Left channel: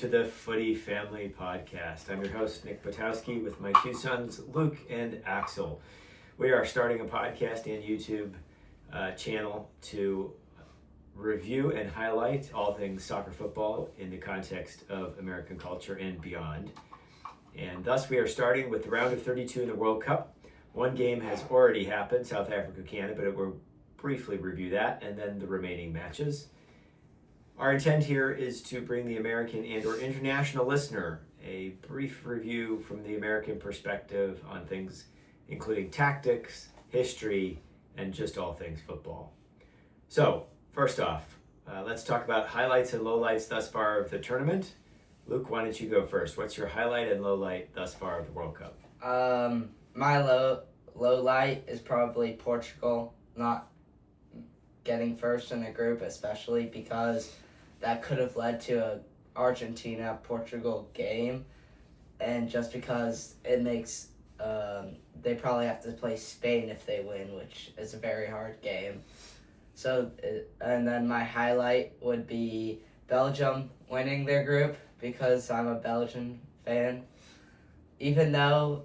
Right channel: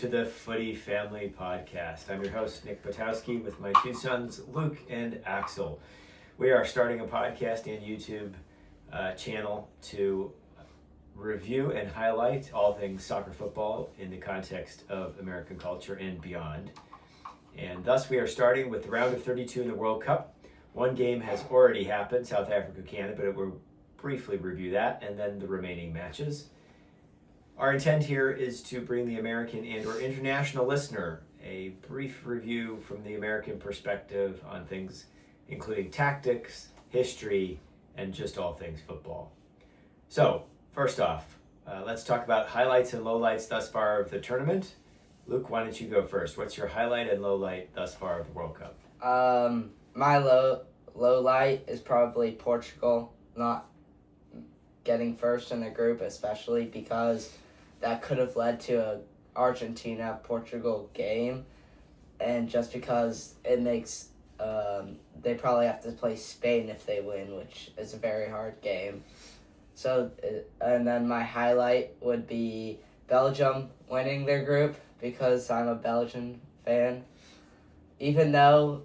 to the Footy Family Podcast. I'm your host, Nick Potowski, with my two sons, Luke and Axel. We are starting a podcast and YouTube channel to review and highlight all things soccer football in the context of American culture and beyond. And thus we are starting with the round of 32 in the World Cup. One game has already happened, South Africa, Canada, but we'll briefly review that and then the remaining matches. Our intent here is to bring the American and or international listener a brief review from the American perspective on things including tactics, history, and just all things football. So, first off, let's talk about highlights and lowlights thus far of the tournament. Luke, why don't you go first? What's your highlight and lowlight thus far of the World Cup? My low light is probably Portugal not getting first in the group, especially because that could have led to a Argentina-Portugal game, and just because it makes they probably have to play Spain if they win, which is a very hard game. So, and then my highlight would be Belgium winning their group, because I'm a Belgian fan. Even though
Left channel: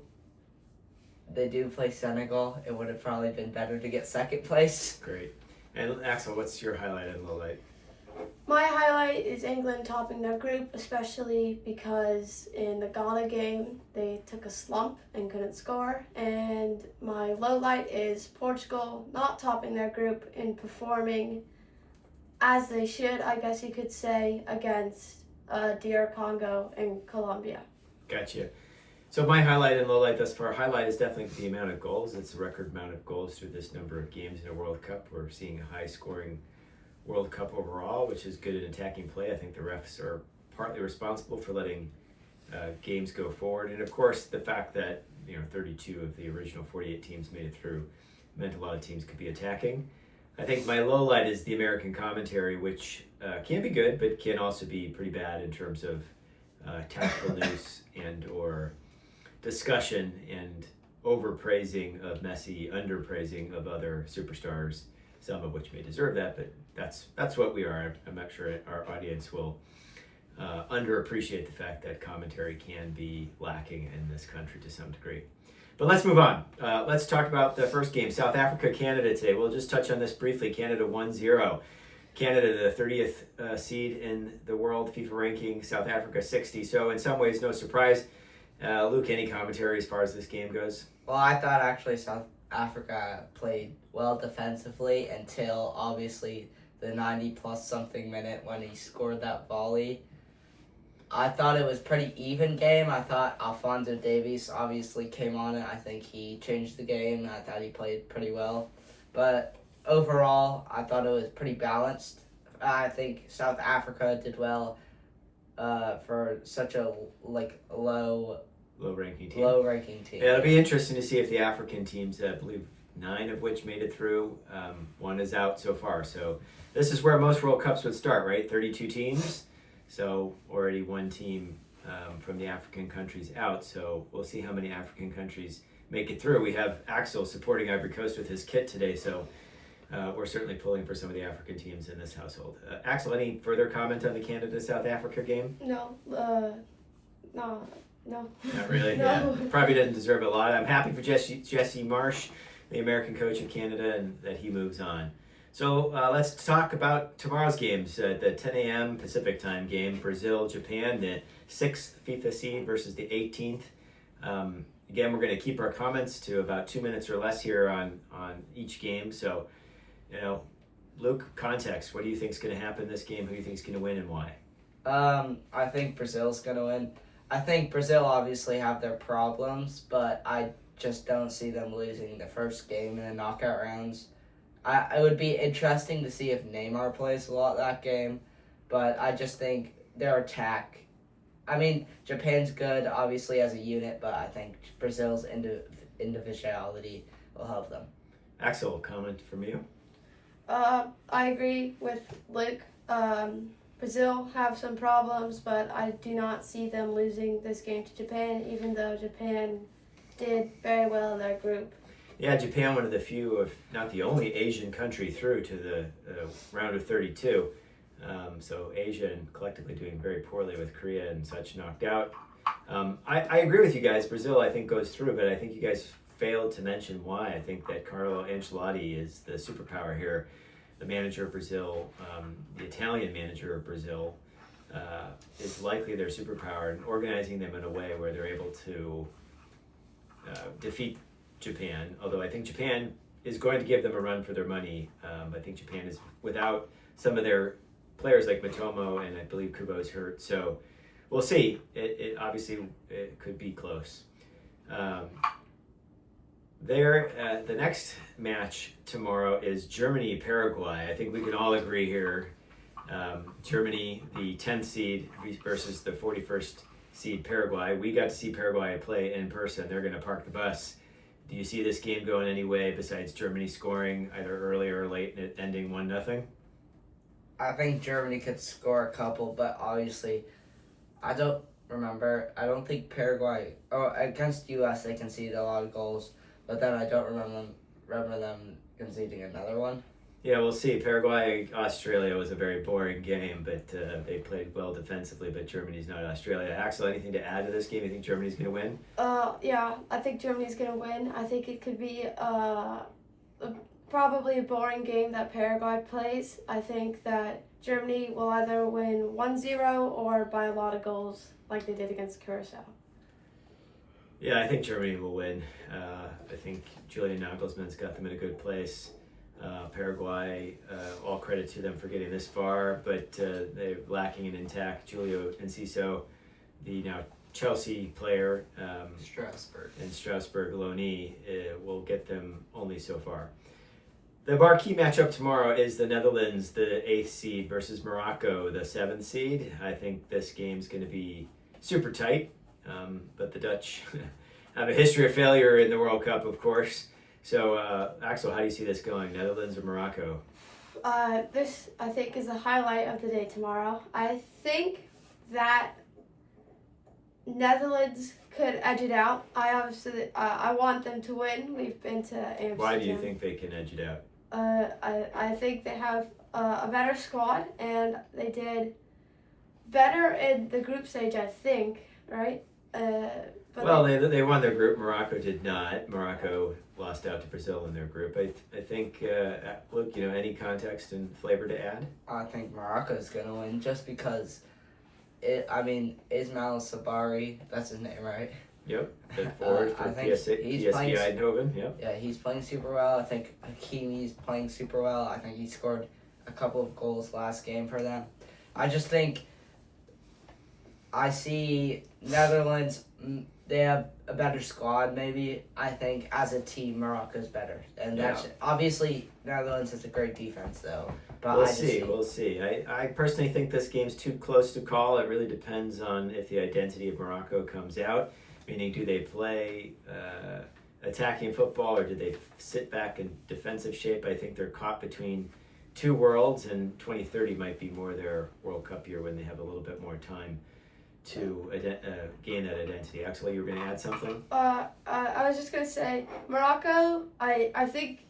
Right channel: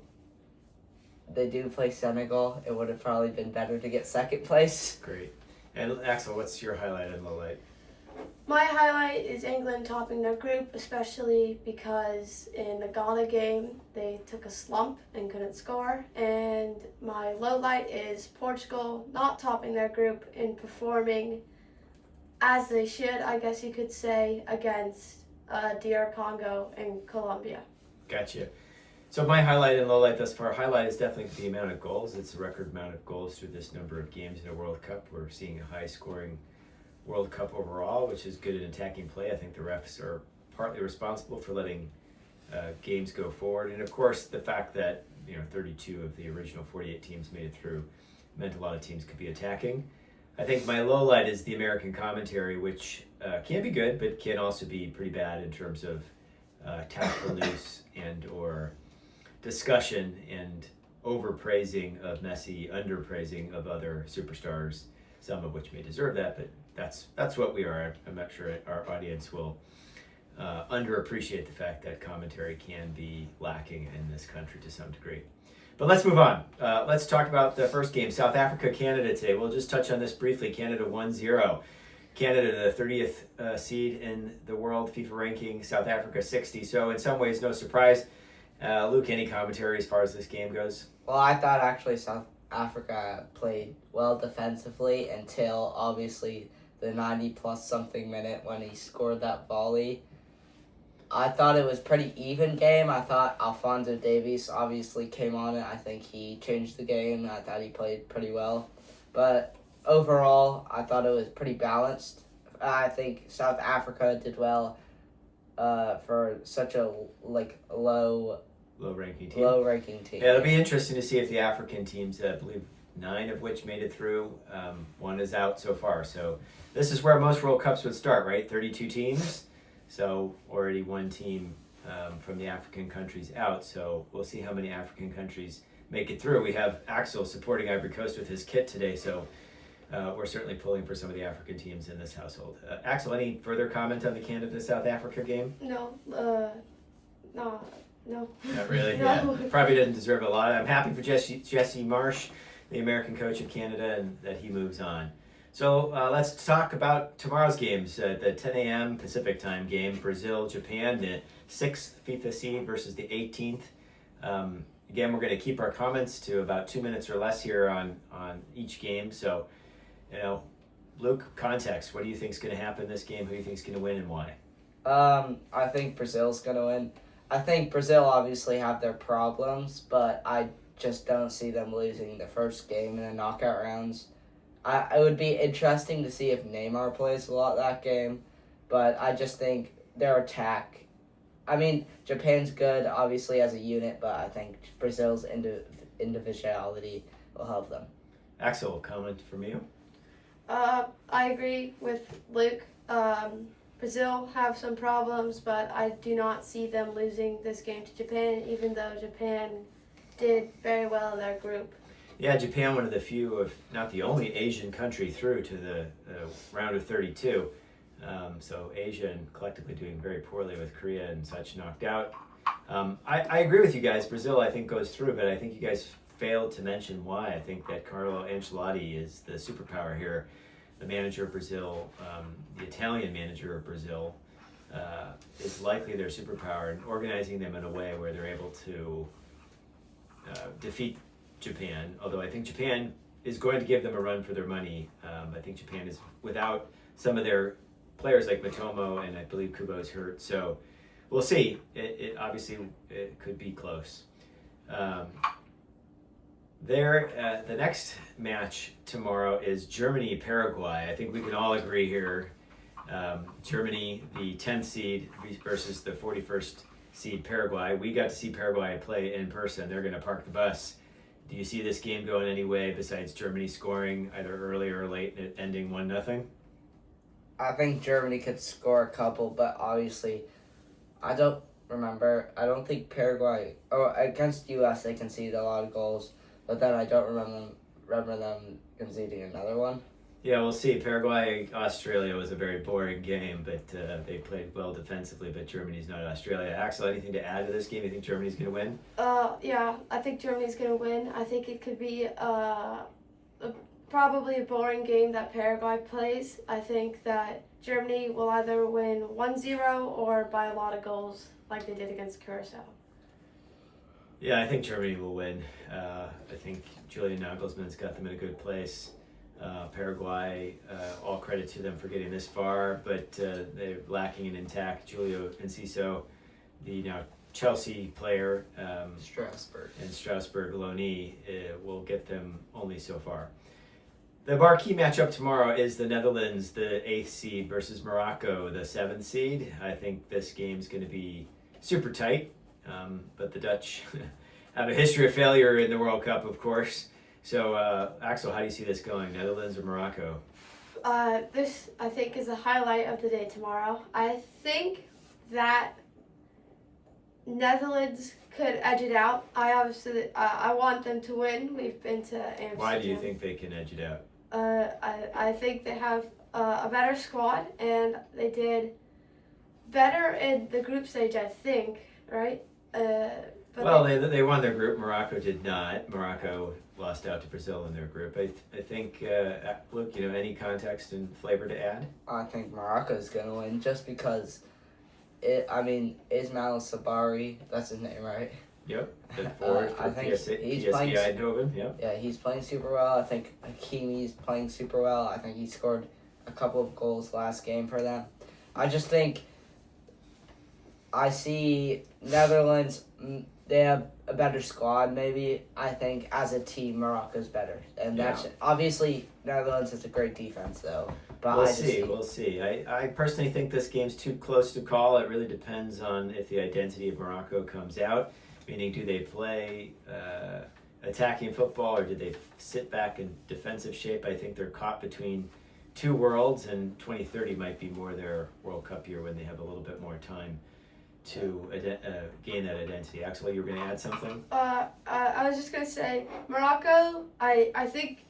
they do play Senegal, it would have probably been better to get second place. Great. And Axel, what's your highlight and lowlight? My highlight is England topping their group, especially because in the Ghana game they took a slump and couldn't score. And my low light is Portugal not topping their group and performing as they should, I guess you could say, against DR Congo and Colombia. Gotcha. So my highlight and lowlight thus far, highlight is definitely the amount of goals. It's a record amount of goals through this number of games in a World Cup. We're seeing a high scoring World Cup overall, which is good in attacking play. I think the refs are partly responsible for letting games go forward. And of course, the fact that 32 of the original 48 teams made it through meant a lot of teams could be attacking. I think my low light is the American commentary, which can be good, but can also be pretty bad in terms of tactical news and or discussion and overpraising of Messi, underpraising of other superstars, some of which may deserve that, but that's what we are. I'm not sure our audience will underappreciate the fact that commentary can be lacking in this country to some degree. But let's move on. Let's talk about the first game, South Africa, Canada today. We'll just touch on this briefly. Canada 1-0. Canada, the 30th seed in the world FIFA ranking, South Africa 60. So in some ways, no surprise. Luke, any commentary as far as this game goes? Well, I thought actually South Africa played well defensively until obviously the 90-plus something minute when he scored that volley. I thought it was pretty even game. I thought Alphonso Davies obviously came on it. I think he changed the game. I thought he played pretty well. But overall, I thought it was pretty balanced. I think South Africa did well for such a low-ranking team. Yeah, it'll be interesting to see if the African teams, I believe 9 of which made it through, one is out so far. So this is where most World Cups would start, right? 32 teams. So already one team from the African countries out. So we'll see how many African countries make it through. We have Axel supporting Ivory Coast with his kit today. So we're certainly pulling for some of the African teams in this household. Axel, any further comment on the Canada-South Africa game? No. Not really? No. Yeah. Probably doesn't deserve a lot. I'm happy for Jesse Marsh, the American coach of Canada, and that he moves on. So let's talk about tomorrow's games. The 10 a.m. Pacific time game, Brazil-Japan, the 6th FIFA seed versus the 18th. Again, we're going to keep our comments to about 2 minutes or less here on each game. So, Luke, context. What do you think is going to happen in this game? Who do you think is going to win and why? I think Brazil's going to win. I think Brazil obviously have their problems, but I just don't see them losing the first game in the knockout rounds. It would be interesting to see if Neymar plays a lot that game, but I just think their attack... I mean, Japan's good, obviously, as a unit, but I think Brazil's individuality will help them. Axel, comment from you? I agree with Luke. Brazil have some problems, but I do not see them losing this game to Japan, even though Japan did very well in their group. Yeah, Japan, one of the few, if not the only Asian country through to the round of 32. So Asia and collectively doing very poorly with Korea and such knocked out. I agree with you guys. Brazil, I think, goes through, but I think you guys failed to mention why. I think that Carlo Ancelotti is the superpower here, the manager of Brazil, the Italian manager of Brazil, is likely their superpower, and organizing them in a way where they're able to defeat Japan. Although I think Japan is going to give them a run for their money. I think Japan is without some of their players like Matomo, and I believe Kubo is hurt. So we'll see. It obviously it could be close. The next match tomorrow is Germany-Paraguay. I think we can all agree here. Germany, the 10th seed versus the 41st seed Paraguay. We got to see Paraguay play in person. They're going to park the bus. Do you see this game going any way besides Germany scoring either early or late and it ending 1-0? I think Germany could score a couple, but obviously, I don't think Paraguay, against U.S. they conceded a lot of goals, but then I don't remember them conceding another one. Yeah, we'll see. Paraguay-Australia was a very boring game, but they played well defensively, but Germany's not Australia. Axel, anything to add to this game? You think Germany's going to win? Yeah, I think Germany's going to win. I think it could be probably a boring game that Paraguay plays. I think that Germany will either win 1-0 or by a lot of goals like they did against Curacao. Yeah, I think Germany will win. I think Julian Nagelsmann's got them in a good place. Paraguay, all credit to them for getting this far, but they're lacking an intact Julio Enciso, the now Chelsea player, and Strasbourg loanee will get them only so far. The marquee matchup tomorrow is the Netherlands, the 8th seed, versus Morocco, the 7th seed. I think this game's going to be super tight, but the Dutch have a history of failure in the World Cup, of course. So, Axel, how do you see this going, Netherlands or Morocco? This, I think, is the highlight of the day tomorrow. I think that Netherlands could edge it out. I want them to win. We've been to Amsterdam. Why do you think they can edge it out? I think they have a better squad, and they did better in the group stage, I think, right? They won their group. Morocco did not. Morocco lost out to Brazil in their group. I think, Luke, any context and flavor to add? I think Morocco's going to win just because, Ismail Sabari, that's his name, right? Yep, the forward for PSV Eindhoven. Yep. Yeah, he's playing super well. I think Hakimi's playing super well. I think he scored a couple of goals last game for them. I just think I see Netherlands, they have a better squad maybe. I think as a team, Morocco's better. And that's obviously Netherlands has a great defense though. But We'll see. I personally think this game's too close to call. It really depends on if the identity of Morocco comes out. Meaning, do they play attacking football or do they sit back in defensive shape? I think they're caught between two worlds, and 2030 might be more their World Cup year when they have a little bit more time to gain that identity. Axel, you were going to add something? I was just going to say, Morocco, I think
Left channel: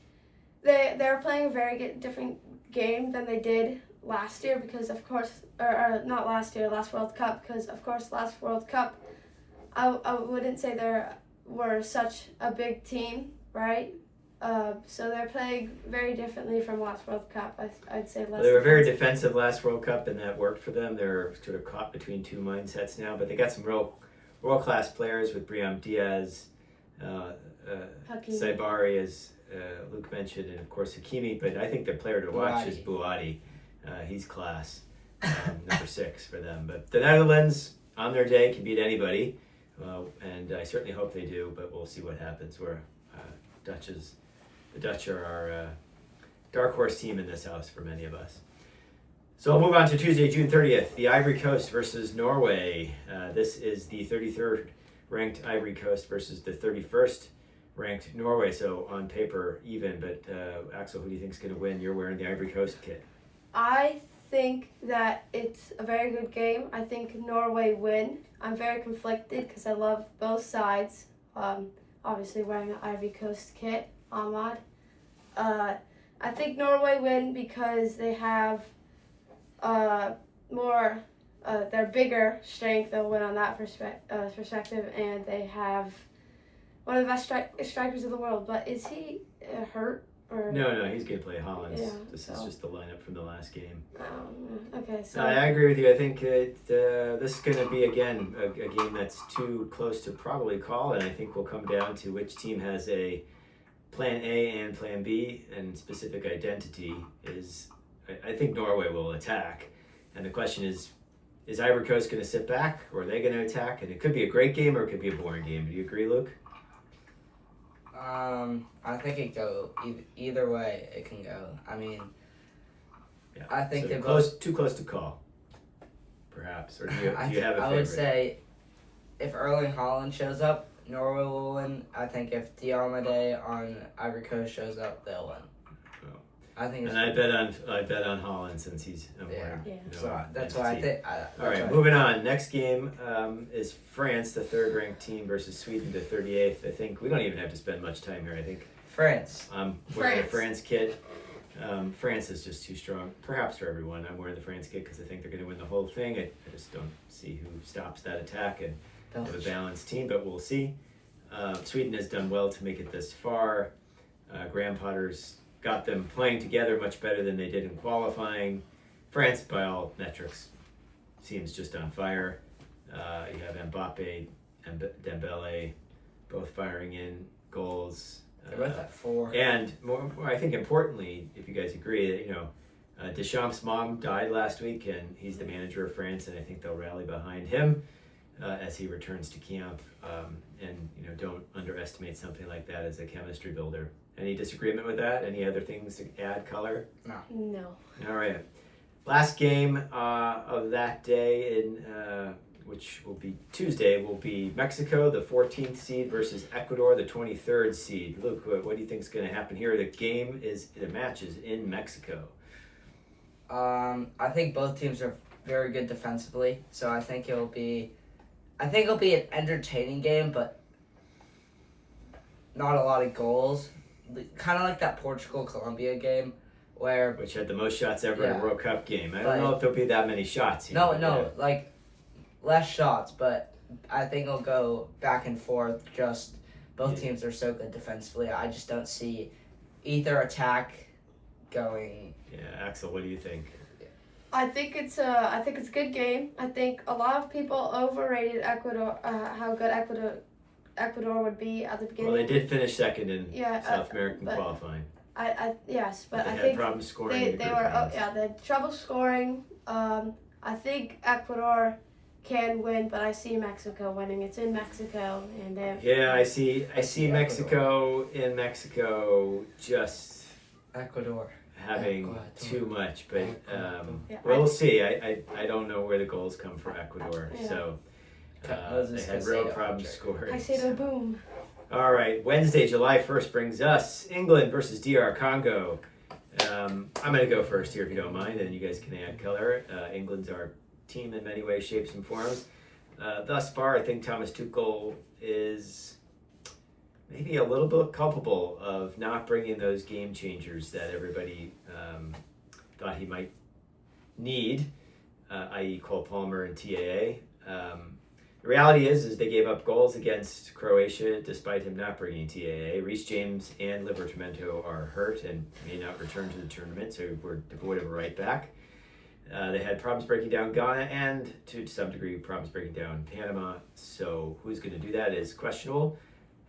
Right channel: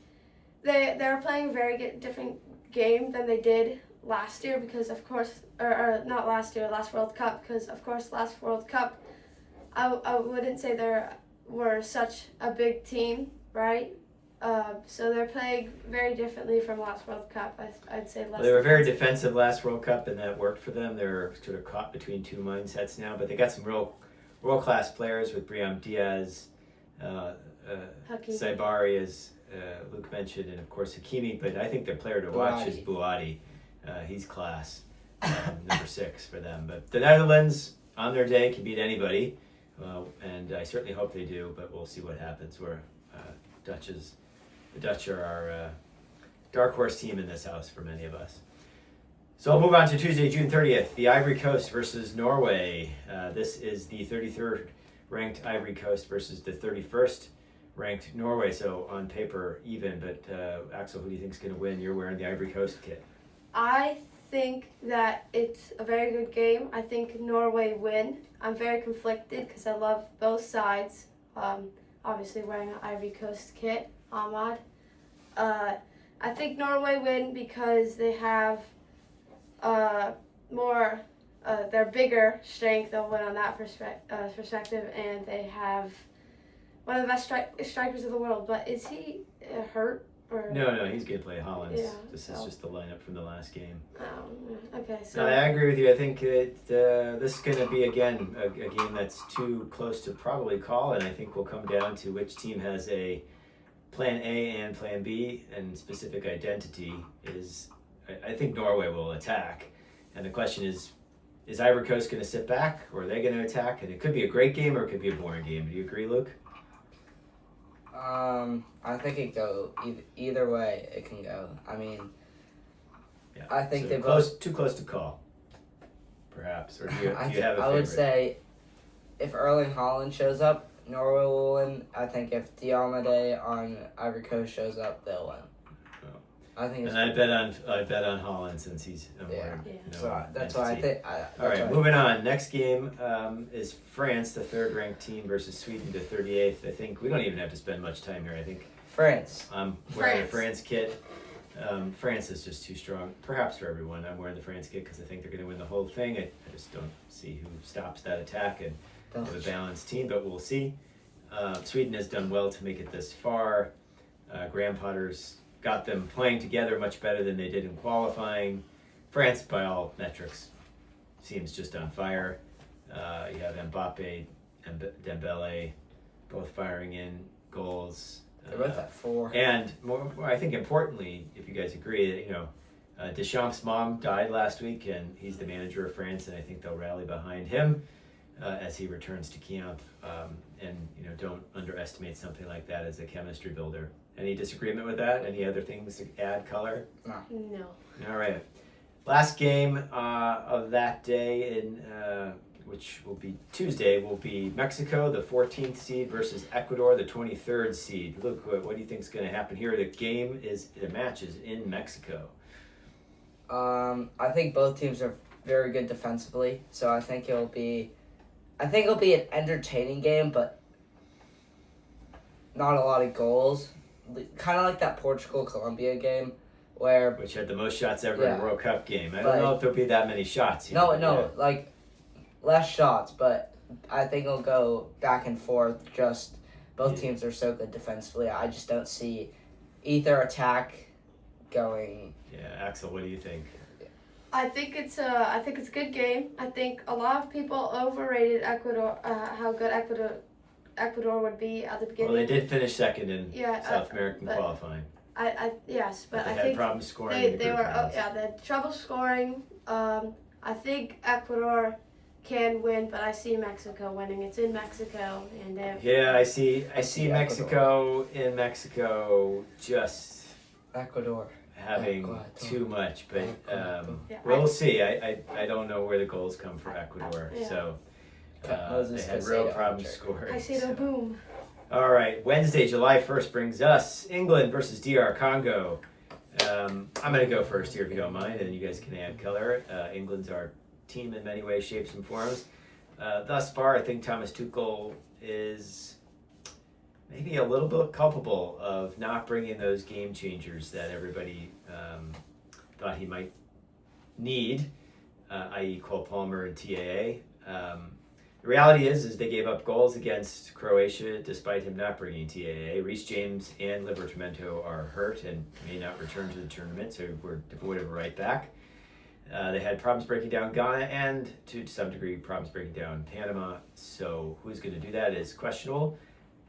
they're playing a very different game than they did last year because, of course, or not last year, last World Cup, because, of course, last World Cup, I wouldn't say they were such a big team, right? So they're playing very differently from last World Cup. I'd say less. They were very defensive last World Cup, and that worked for them. They're sort of caught between two mindsets now, but they got some real world-class players with Brahim Diaz, Saibari, as Luke mentioned, and of course Hakimi. But I think the player to watch is Bouhaddi. He's class, number 6 for them. But the Netherlands, on their day, can beat anybody. And I certainly hope they do, but we'll see what happens. The Dutch are our dark horse team in this house for many of us. So we'll move on to Tuesday, June 30th, the Ivory Coast versus Norway. This is the 33rd ranked Ivory Coast versus the 31st ranked Norway. So on paper, even. But Axel, who do you think is going to win? You're wearing the Ivory Coast kit. I think that it's a very good game. I think Norway win. I'm very conflicted because I love both sides. Obviously wearing an Ivory Coast kit, Ahmad. I think Norway win because they have more their bigger strength. They'll win on that perspective, and they have one of the best strikers of the world. But is he hurt? Or? No, he's going to play Hollins. Yeah, This is just the lineup from the last game. Okay, so No, I agree with you. I think this is going to be, again, a game that's too close to probably call, and I think will come down to which team has a plan A and plan B, and specific identity is, I think Norway will attack. And the question is Ivory Coast going to sit back, or are they going to attack? And it could be a great game, or it could be a boring game. Do you agree, Luke? I think it go either way. It can go. I mean, Yeah. I think so they too close to call, perhaps. Or do you have a favorite? I would say if Erling Haaland shows up, Norway will win. I think if Diomede on Ivory Coast shows up, they'll win. Oh. I think. And I bet on Holland since he's a more So that's why I think. All right, moving on. Next game is France, the third-ranked team, versus Sweden, the 38th. I think we don't even have to spend much time here. I think France. I'm wearing a France kit. France is just too strong, perhaps for everyone. I'm wearing the France kit because I think they're going to win the whole thing. I just don't see who stops that attack and have a balanced team, but we'll see. Sweden has done well to make it this far. Graham Potter's got them playing together much better than they did in qualifying. France, by all metrics, seems just on fire. You have Mbappe and Dembele both firing in goals. They're both at 4. And more, I think importantly, if you guys agree, Deschamps' mom died last week, and he's the manager of France, and I think they'll rally behind him as he returns to camp. And don't underestimate something like that as a chemistry builder. Any disagreement with that? Any other things to add color? No. All right. Last game of that day, which will be Tuesday, will be Mexico, the 14th seed, versus Ecuador, the 23rd seed. Luke, what do you think is going to happen here? The match is in Mexico. I think both teams are very good defensively, so I think it'll be an entertaining game, but not a lot of goals. Kind of like that Portugal-Colombia game, which had the most shots ever in a World Cup game. I don't But- know if there'll be that many shots. like less shots, but I think it'll go back and forth. Just both teams are so good defensively. I just don't see either attack going. Yeah, Axel, what do you think? I think it's a good game. I think a lot of people overrated Ecuador, how good Ecuador would be at the beginning. Well, they did finish second in Yeah, South American but- qualifying. Yes, but They I had think problems scoring. they in the group were rounds. they had trouble scoring. I think Ecuador can win, but I see Mexico winning. It's in Mexico, and Yeah, I see Mexico in Mexico just Ecuador having too much, but Yeah. we'll see. I don't know where the goals come for Ecuador, Yeah. so Moses they had real Caicedo, problems Patrick. scoring. I see the boom. All right, Wednesday, July 1st brings us England versus DR Congo. I'm going to go first here if you don't mind, and you guys can add color. England's our team in many ways, shapes, and forms. Thus far, I think Thomas Tuchel is maybe a little bit culpable of not bringing those game changers that everybody thought he might need, i.e. Cole Palmer and TAA. The reality is they gave up goals against Croatia despite him not bringing TAA. Reece James and Livramento are hurt and may not return to the tournament, so we're devoid of a right back. They had problems breaking down Ghana and, to some degree, problems breaking down Panama. So who's going to do that is questionable.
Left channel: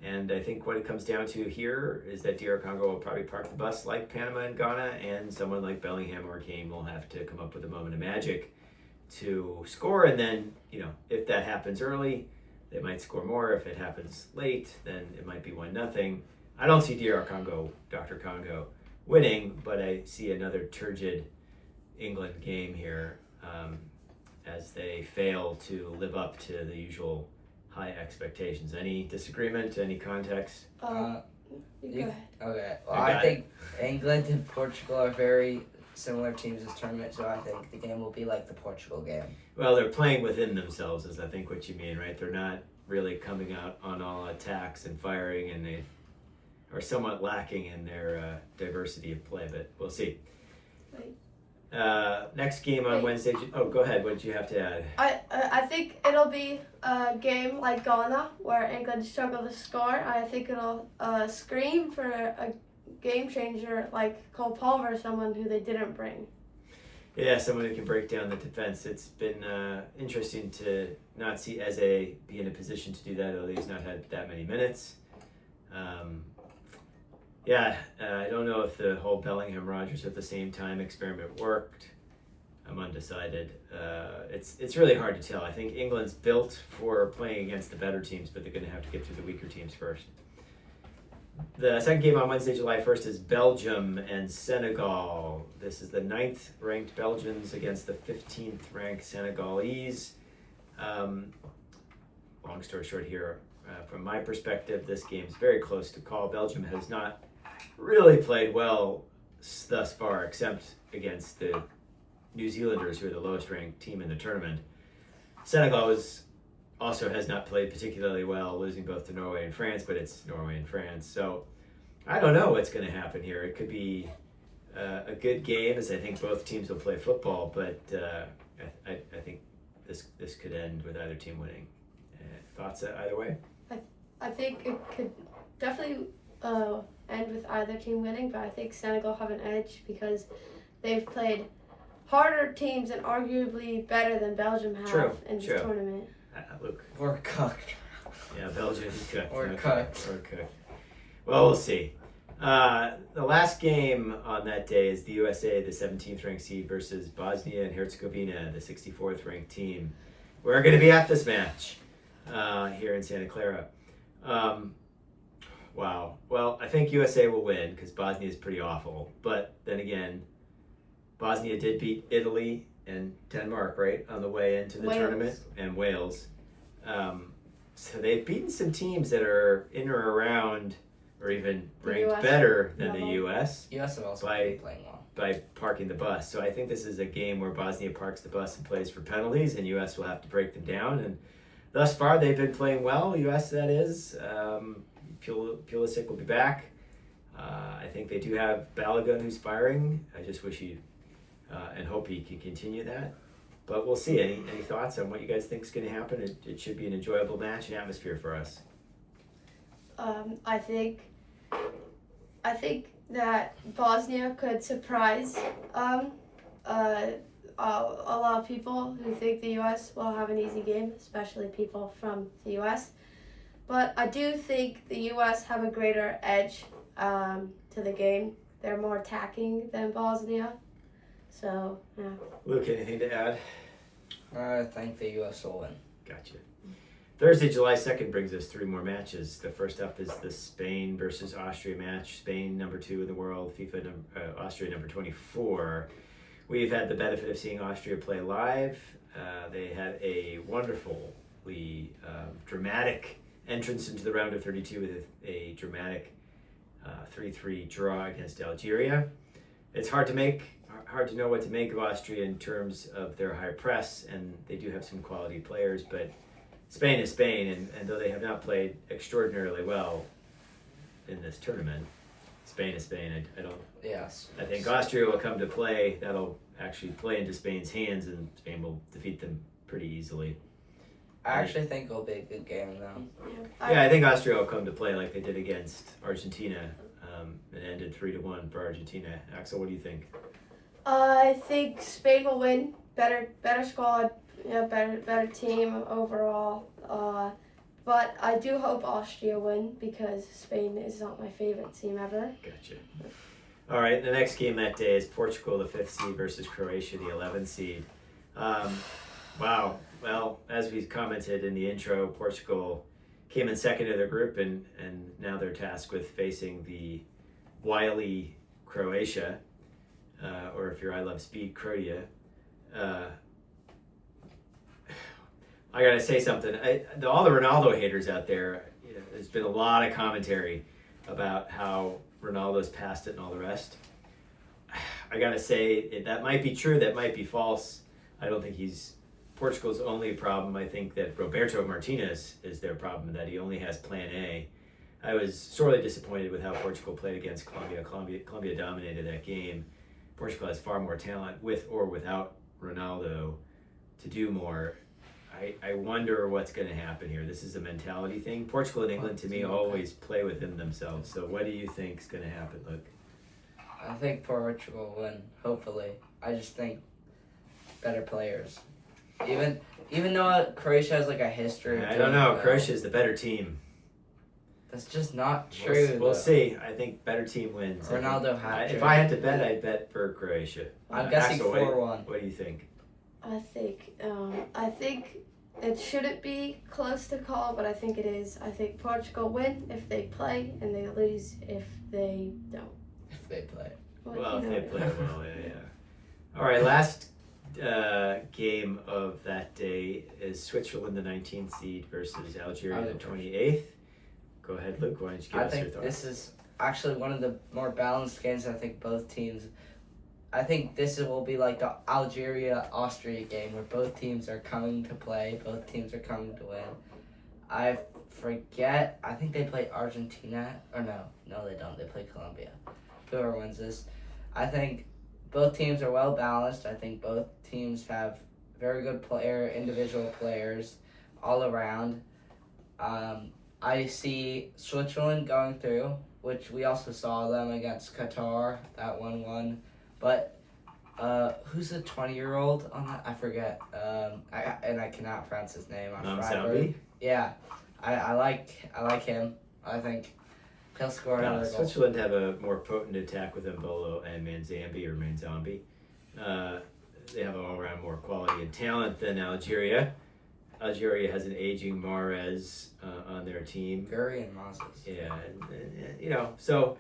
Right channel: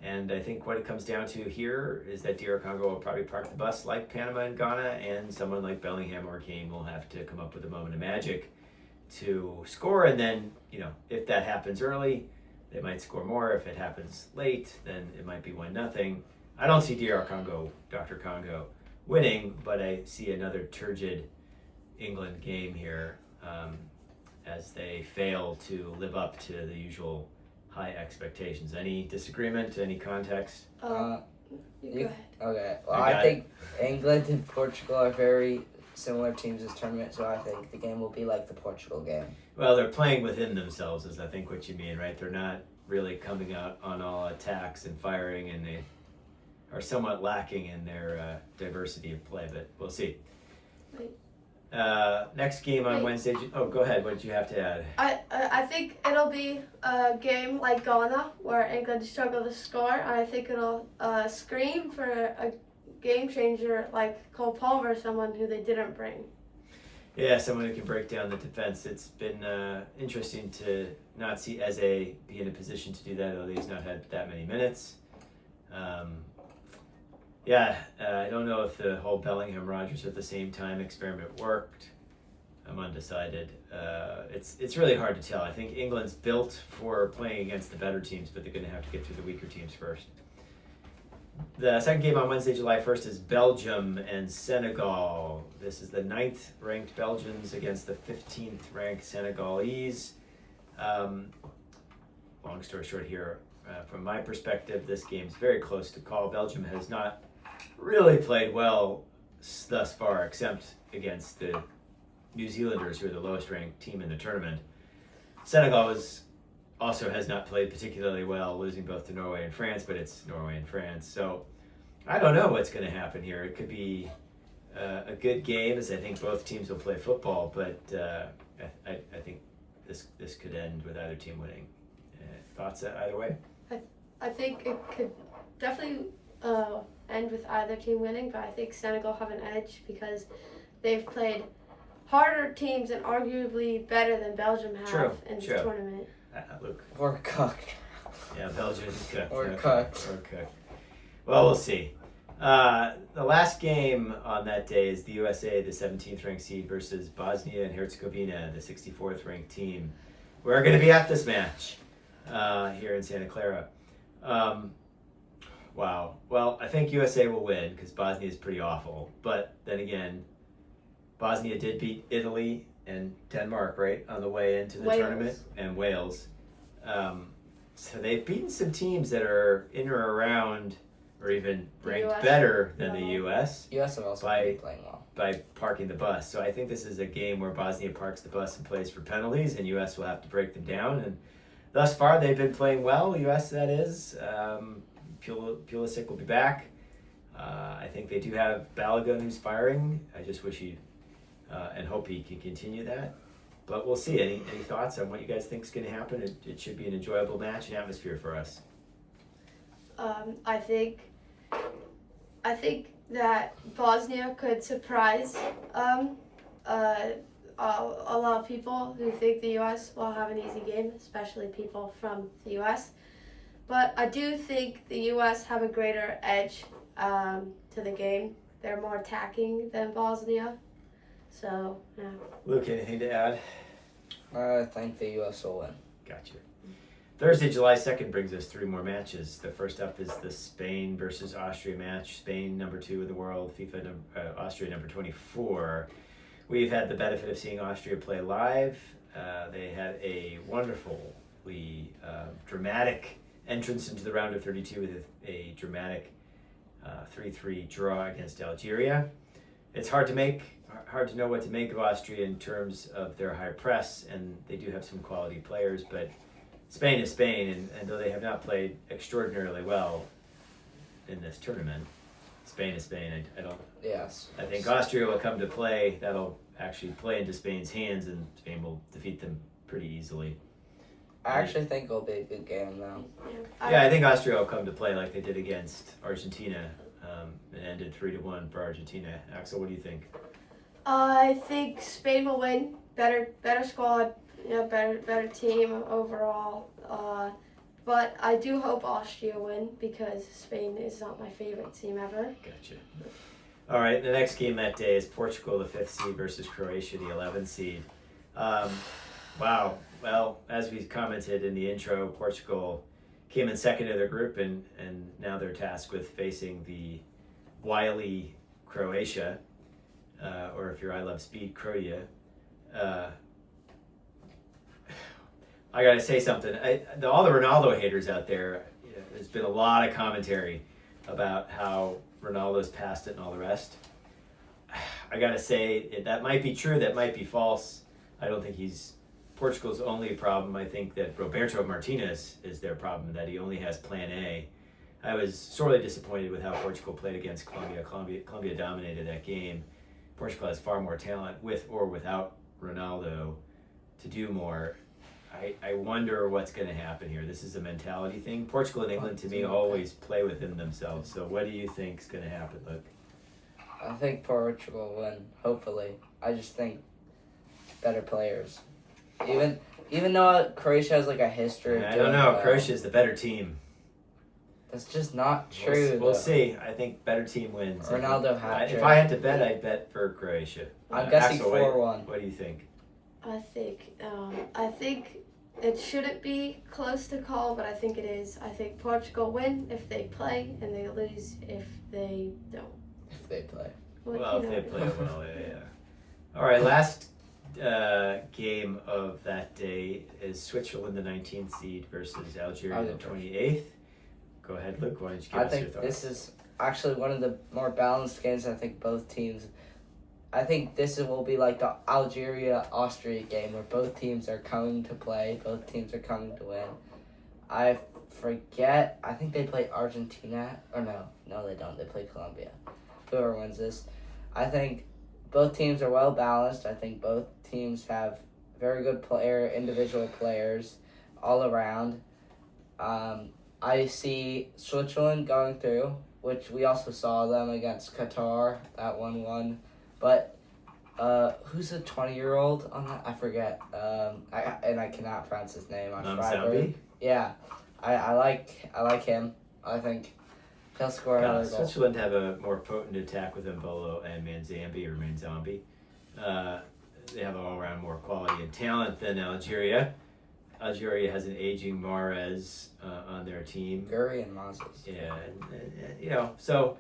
And I think what it comes down to here is that DR Congo will probably park the bus like Panama and Ghana, and someone like Bellingham or Kane will have to come up with a moment of magic to score. And then, if that happens early, they might score more. If it happens late, then it might be 1-0. I don't see DR Congo, Dr. Congo, winning, but I see another turgid England game here as they fail to live up to the usual high expectations. Any disagreement? Any context? You go ahead. Okay. Well, I I got think England and Portugal are very similar teams this tournament, so I think the game will be like the Portugal game. Well, they're playing within themselves, is I think what you mean, right? They're not really coming out on all attacks and firing, and they are somewhat lacking in their diversity of play, but we'll see. Next game on Wait. Wednesday. Oh, go ahead. What did you have to add? I think it'll be a game like Ghana where England struggle to score. I think it'll scream for a game changer like Cole Palmer, someone who they didn't bring. Yeah, someone who can break down the defense. It's been interesting to not see Eze be in a position to do that, although he's not had that many minutes. I don't know if the whole Bellingham Rodgers at the same time experiment worked. I'm undecided. It's really hard to tell. I think England's built for playing against the better teams, but they're going to have to get through the weaker teams first. The second game on Wednesday, July 1st is Belgium and Senegal. This is the 9th ranked Belgians against the 15th ranked Senegalese. Long story short here, from my perspective, this game's very close to call. Belgium has not really played well thus far, except against the New Zealanders, who are the lowest ranked team in the tournament. Senegal also has not played particularly well, losing both to Norway and France, but it's Norway and France. So I don't know what's going to happen here. It could be a good game, as I think both teams will play football, but I think this could end with either team winning. Thoughts either way? I think it could definitely end with either team winning, but I think Senegal have an edge because they've played harder teams and arguably better than Belgium have in this tournament. Luke. We're cooked. Yeah, Belgium's cooked. We're Okay, cooked. We're cooked. Well, we'll see. The last game on that day is the USA, the 17th ranked seed, versus Bosnia and Herzegovina, the 64th ranked team. We're going to be at this match here in Santa Clara. Wow. Well, I think USA will win because Bosnia is pretty awful. But then again, Bosnia did beat Italy and Denmark, right, on the way into the tournament, and Wales. So they've beaten some teams that are in or around or even ranked better than the U.S. U.S. have also been playing well by parking the bus. So I think this is a game where Bosnia parks the bus and plays for penalties, and U.S. will have to break them down. And thus far, they've been playing well, U.S. that is. Pulisic will be back. I think they do have Balogun who's firing. I just wish he and hope he can continue that. But we'll see. Any thoughts on what you guys think is going to happen? It should be an enjoyable match and atmosphere for us. I think that Bosnia could surprise a lot of people who think the U.S. will have an easy game, especially people from the U.S. But I do think the U.S. have a greater edge to the game. They're more attacking than Bosnia. So, yeah. Luke, anything to add? I think the U.S. will win. Gotcha. Thursday, July 2nd brings us 3 more matches. The first up is the Spain versus Austria match. Spain, number 2 in the world. Austria, number 24. We've had the benefit of seeing Austria play live. They had a wonderfully dramatic entrance into the round of 32 with a dramatic 3-3 draw against Algeria. It's hard to know what to make of Austria in terms of their high press, and they do have some quality players, but Spain is Spain, and though they have not played extraordinarily well in this tournament, Spain is Spain. Yes. I think Austria will come to play. That'll actually play into Spain's hands, and Spain will defeat them pretty easily. I actually think it'll be a good game, though. Yeah, I think Austria will come to play like they did against Argentina. It ended 3-1 for Argentina. Axel, what do you think? I think Spain will win. Better squad, better team overall. But I do hope Austria win because Spain is not my favorite team ever. Gotcha. All right, the next game that day is Portugal, the 5th seed, versus Croatia, the 11th seed. Wow. Well, as we commented in the intro, Portugal came in second in their group, and now they're tasked with facing the wily Croatia, or if you're I Love Speed, Croatia. I gotta say something. All the Ronaldo haters out there, there's been a lot of commentary about how Ronaldo's past it and all the rest. I gotta say, that might be true, that might be false. I don't think he's Portugal's only problem. I think that Roberto Martinez is their problem, that he only has plan A. I was sorely disappointed with how Portugal played against Colombia. Colombia dominated that game. Portugal has far more talent with or without Ronaldo to do more. I wonder what's going to happen here. This is a mentality thing. Portugal and England, to me, always play within themselves. So what do you think is going to happen, Luke? I think Portugal will win, hopefully. I just think better players. Even though Croatia has like a history. I don't know. Croatia is the better team. That's just not true. We'll see. I think better team wins. Ronaldo hat trick. If I had to bet, I'd bet for Croatia. I'm guessing Axel, 4-1. What do you think? I think it shouldn't be close to call, but I think it is. I think Portugal win if they play, and they lose if they don't. If they play. Well, if they play well, yeah. All right, last game of that day is Switzerland, the 19th seed, versus Algeria, the 28th. Go ahead, Luke. Why don't you give us your thoughts? This is actually one of the more balanced games. I think this will be like the Algeria-Austria game where both teams are coming to play. Both teams are coming to win. I forget. I think they play Argentina. Or no, they don't. They play Colombia. Whoever wins this. I think both teams are well balanced. I think both teams have very good individual players all around. I see Switzerland going through, which we also saw them against Qatar, that 1-1. But who's the 20-year-old on that? I forget. I cannot pronounce his name. Namzambi? Yeah, I like him. I think he'll score another goal. Switzerland have a more potent attack with Mbolo and Manzambi. They have all-around more quality and talent than Algeria. Algeria has an aging Mahrez on their team. Guri and Moses. Yeah, and so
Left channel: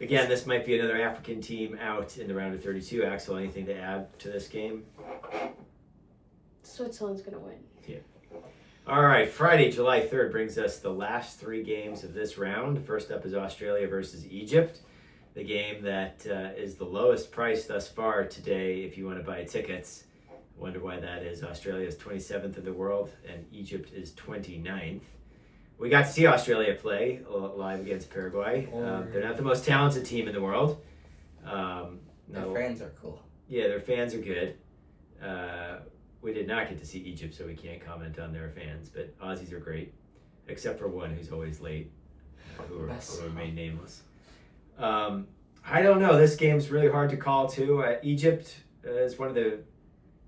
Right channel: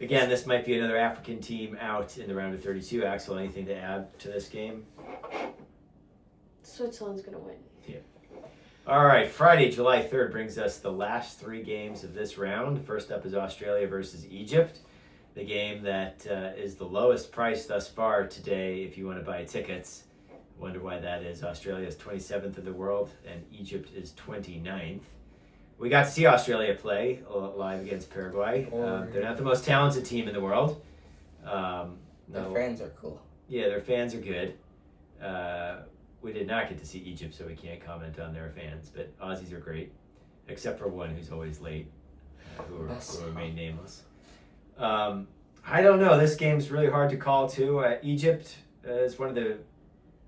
again, this might be another African team out in the round of 32. Axel, anything to add to this game? Switzerland's going to win. Yeah. All right, Friday, July 3rd brings us the last three games of this round. First up is Australia versus Egypt, the game that is the lowest price thus far today if you want to buy tickets. Wonder why that is. Australia is 27th in the world and Egypt is 29th. We got to see Australia play live against Paraguay. They're not the most talented team in the world. Their fans are cool. Yeah, their fans are good. We did not get to see Egypt, so we can't comment on their fans. But Aussies are great, except for one who's always late, who remain nameless. I don't know. This game's really hard to call, too. Egypt is one of the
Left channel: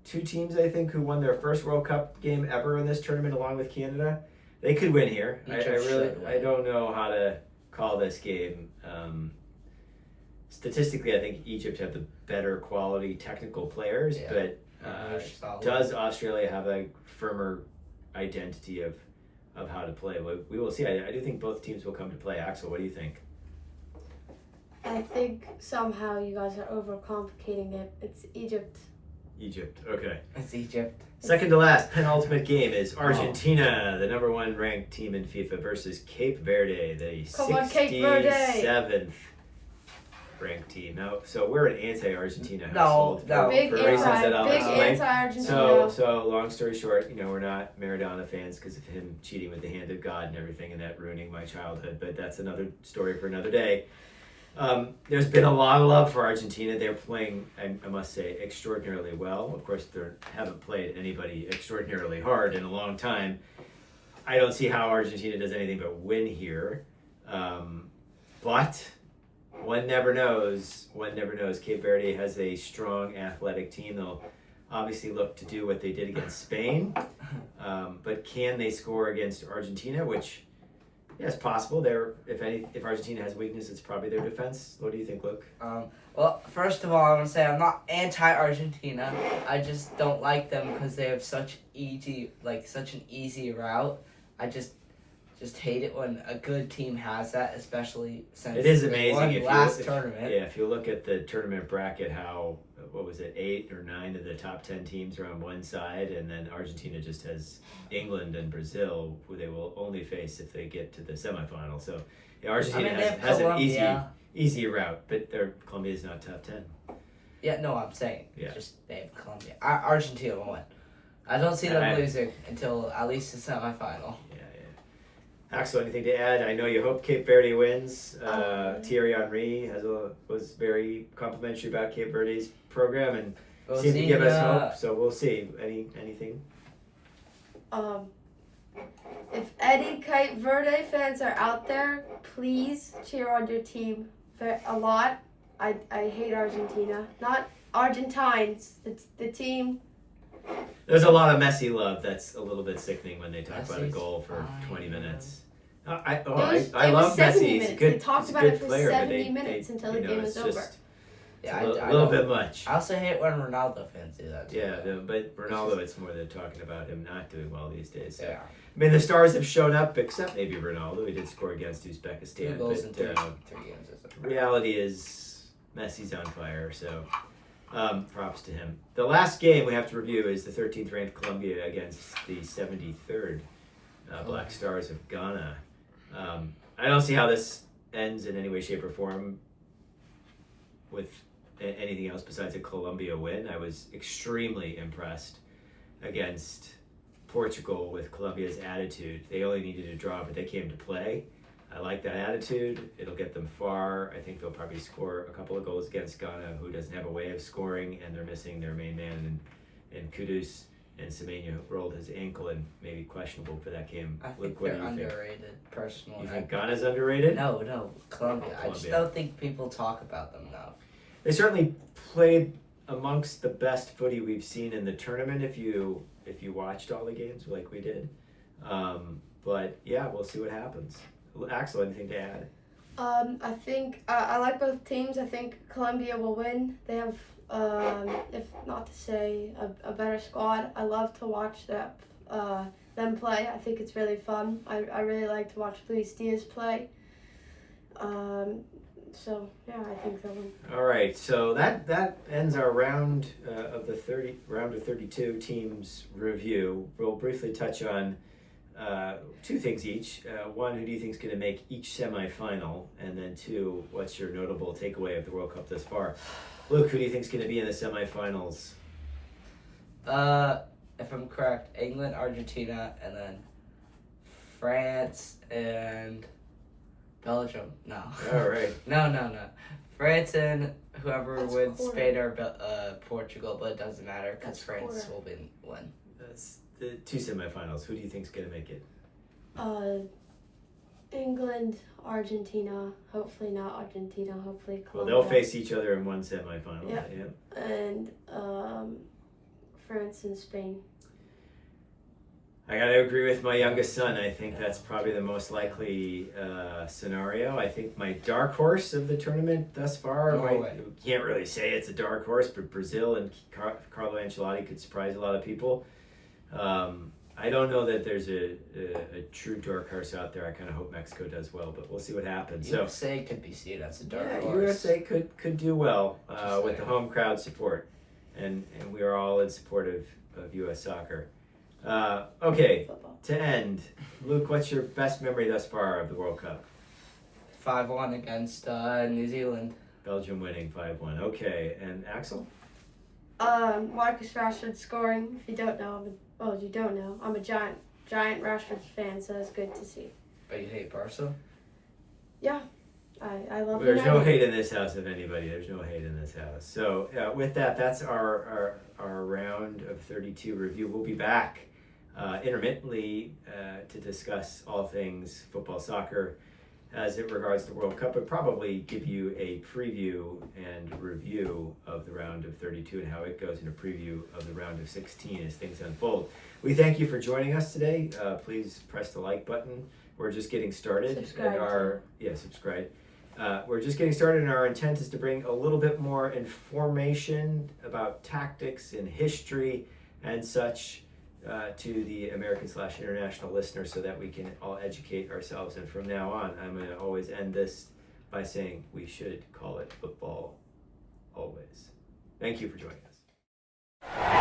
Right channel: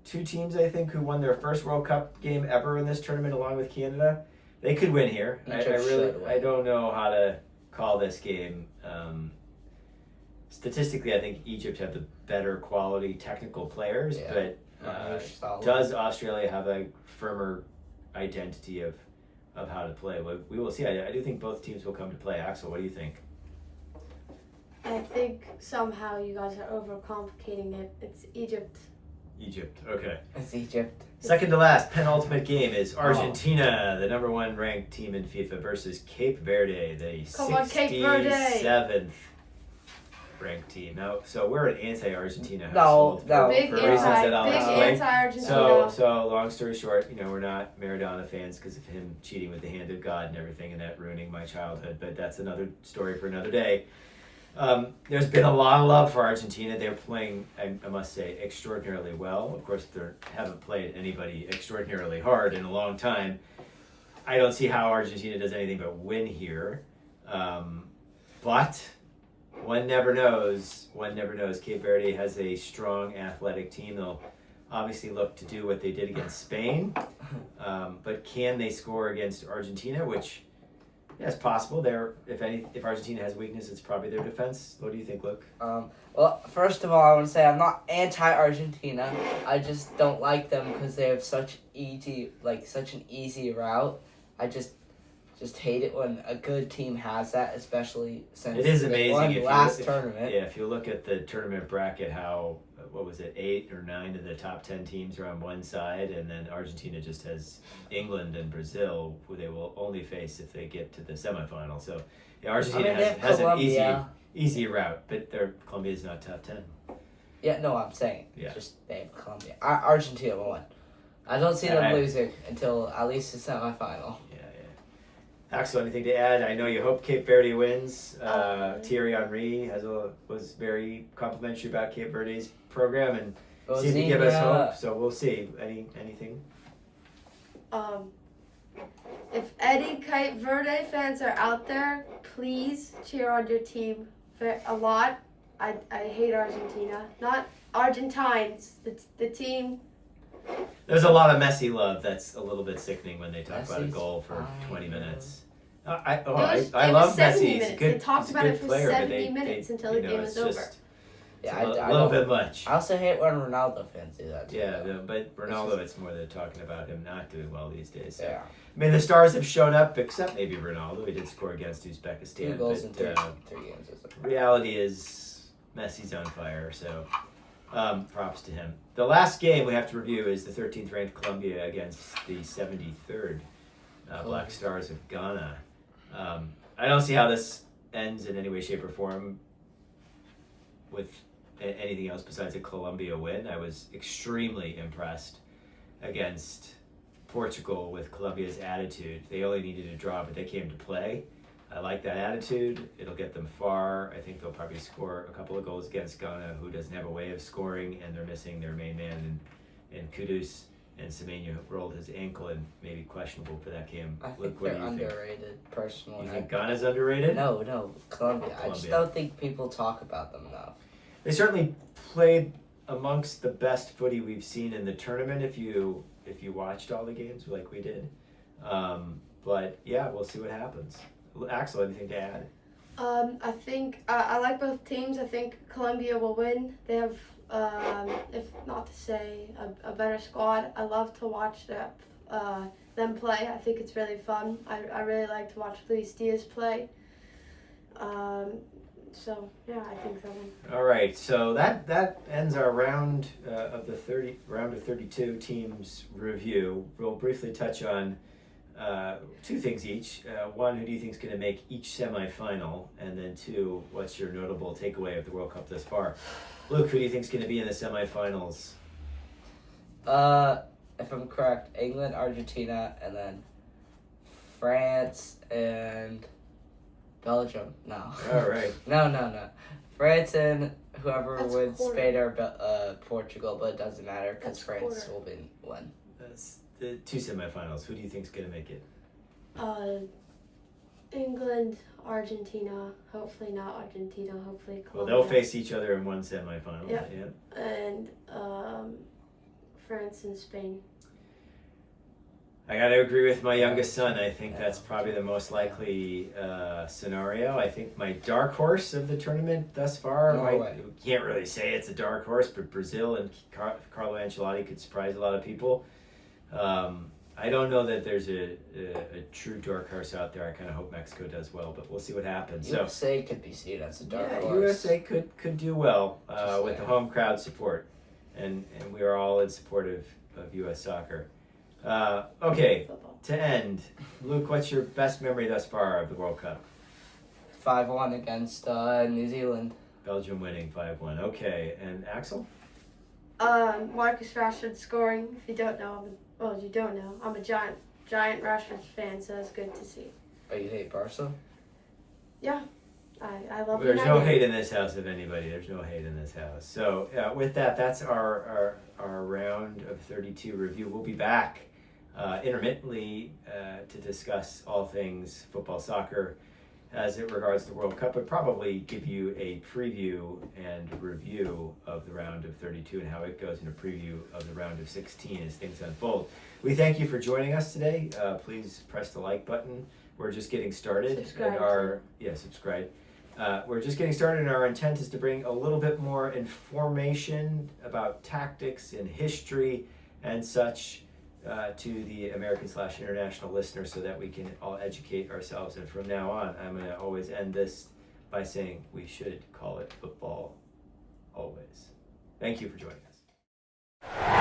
two teams, I think, who won their first World Cup game ever in this tournament, along with Canada. They could win here. I don't know how to call this game. Statistically, I think Egypt have the better quality technical players, but does Australia have a firmer identity of how to play? We will see. I do think both teams will come to play. Axel, what do you think? I think somehow you guys are overcomplicating it. It's Egypt. Egypt, okay. It's Egypt. Second to last, penultimate game is Argentina, the number one ranked team in FIFA, versus Cape Verde, the 67th ranked team. Now, so we're an anti-Argentina household for reasons that I'll explain. So long story short, we're not Maradona fans because of him cheating with the hand of God and everything, and that ruining my childhood. But that's another story for another day. There's been a long love for Argentina. They're playing, I must say, extraordinarily well. Of course, they haven't played anybody extraordinarily hard in a long time. I don't see how Argentina does anything but win here. But one never knows. Cape Verde has a strong athletic team. They'll obviously look to do what they did against Spain. But can they score against Argentina, which... yeah, it's possible. If Argentina has weakness, it's probably their defense. What do you think, Luke? Well, first of all, I want to say I'm not anti-Argentina. I just don't like them because they have such an easy route. I just hate it when a good team has that, especially since it is amazing they won tournament. Yeah, if you look at the tournament bracket, 8 or 9 of the top 10 teams are on one side, and then Argentina just has England and Brazil, who they will only face if they get to the semifinal. So Argentina has an easy route, but Colombia is not top 10. Yeah, no, I'm saying they have Colombia. Argentina will win. I don't see them losing until at least the semifinal. Yeah. Axel, anything to add? I know you hope Cape Verde wins. Oh. Thierry Henry was very complimentary about Cape Verde's program and We'll seemed to see, give us hope. So we'll see. Anything? If any Cape Verde fans are out there, please cheer on your team a lot. I hate Argentina. Not Argentines. The team. There's a lot of Messi love that's a little bit sickening when they talk about a Messi's goal for fine. 20 minutes. I It was love 70 Messi. He's a minutes. good, They talked he's a about good it for player, 70 but minutes until the game it's was just, over. It's Yeah, a little don't- bit much. I also hate when Ronaldo fans do that too. Yeah, though. but Ronaldo, it's more than talking about him not doing well these days. So. Yeah. I mean, the stars have shown up, except maybe Ronaldo. He did score against Uzbekistan. 2 goals in But 3 games. reality is Messi's on fire, so props to him. The last game we have to review is the 13th ranked Colombia against the 73rd Black Stars of Ghana. I don't see how this ends in any way, shape, or form with anything else besides a Colombia win. I was extremely impressed against Portugal with Colombia's attitude. They only needed a draw, but they came to play. I like that attitude. It'll get them far. I think they'll probably score a couple of goals against Ghana, who doesn't have a way of scoring, and they're missing their main man in Kudus. And Semenya rolled his ankle and maybe questionable for that game. I think Luke, what they're do you think? underrated, personally. You think Ghana's underrated? No, Colombia. I just Colombia. don't think people talk about them enough. They certainly played amongst the best footy we've seen in the tournament. If you watched all the games like we did, but yeah, we'll see what happens. Axel, anything to add? I think I like both teams. I think Colombia will win. They have, if not to say, a better squad. I love to watch them play. I think it's really fun. I really like to watch Luis Diaz play. So yeah, I think they'll win. All right, so that ends our round of 32 teams review. We'll briefly touch on 2 things each. One, who do you think is going to make each semifinal? And then 2, what's your notable takeaway of the World Cup thus far? Luke, who do you think is going to be in the semifinals? If I'm correct, England, Argentina, and then France and Belgium. No. All right. No. France and whoever That's wins, quarter. Spain or Portugal, but it doesn't matter because That's France quarter. will win. That's the 2 semifinals. Who do you think is going to make it? England, Argentina. Hopefully not Argentina. Hopefully Well, Colombia. they'll face each other in one semifinal. Yep. Yeah. And France and Spain. I got to agree with my youngest son. I think that's probably the most likely scenario. I think my dark horse of the tournament thus far, can't really say it's a dark horse, but Brazil and Carlo Ancelotti could surprise a lot of people. I don't know that there's a true dark horse out there. I kind of hope Mexico does well, but we'll see what happens. USA could be seen as a dark Yeah, horse. USA could do well with the home crowd support, and we are all in support of U.S. soccer. Okay, Football. to end, Luke, what's your best memory thus far of the World Cup? 5-1 against New Zealand. Belgium winning 5-1. Okay, and Axel? Marcus Rashford scoring. If you don't know, I'm a giant Rashford fan, so it's good to see. But you hate Barca? Yeah, I love. There's no United. hate in this house of anybody. There's no hate in this house. So with that, that's our round of 32 review. We'll be back intermittently to discuss all things football, soccer, as it regards the World Cup, but probably give you a preview and review of the round of 32 and how it goes, and a preview of the round of 16 as things unfold. We thank you for joining us today. Please press the like button. We're just getting started. Subscribe. Subscribe. We're just getting started, and our intent is to bring a little bit more information about tactics and history and such to the American/international listeners, so that we can all educate ourselves. And from now on, I'm going to always end this by saying we should call it football always. Thank you for joining us.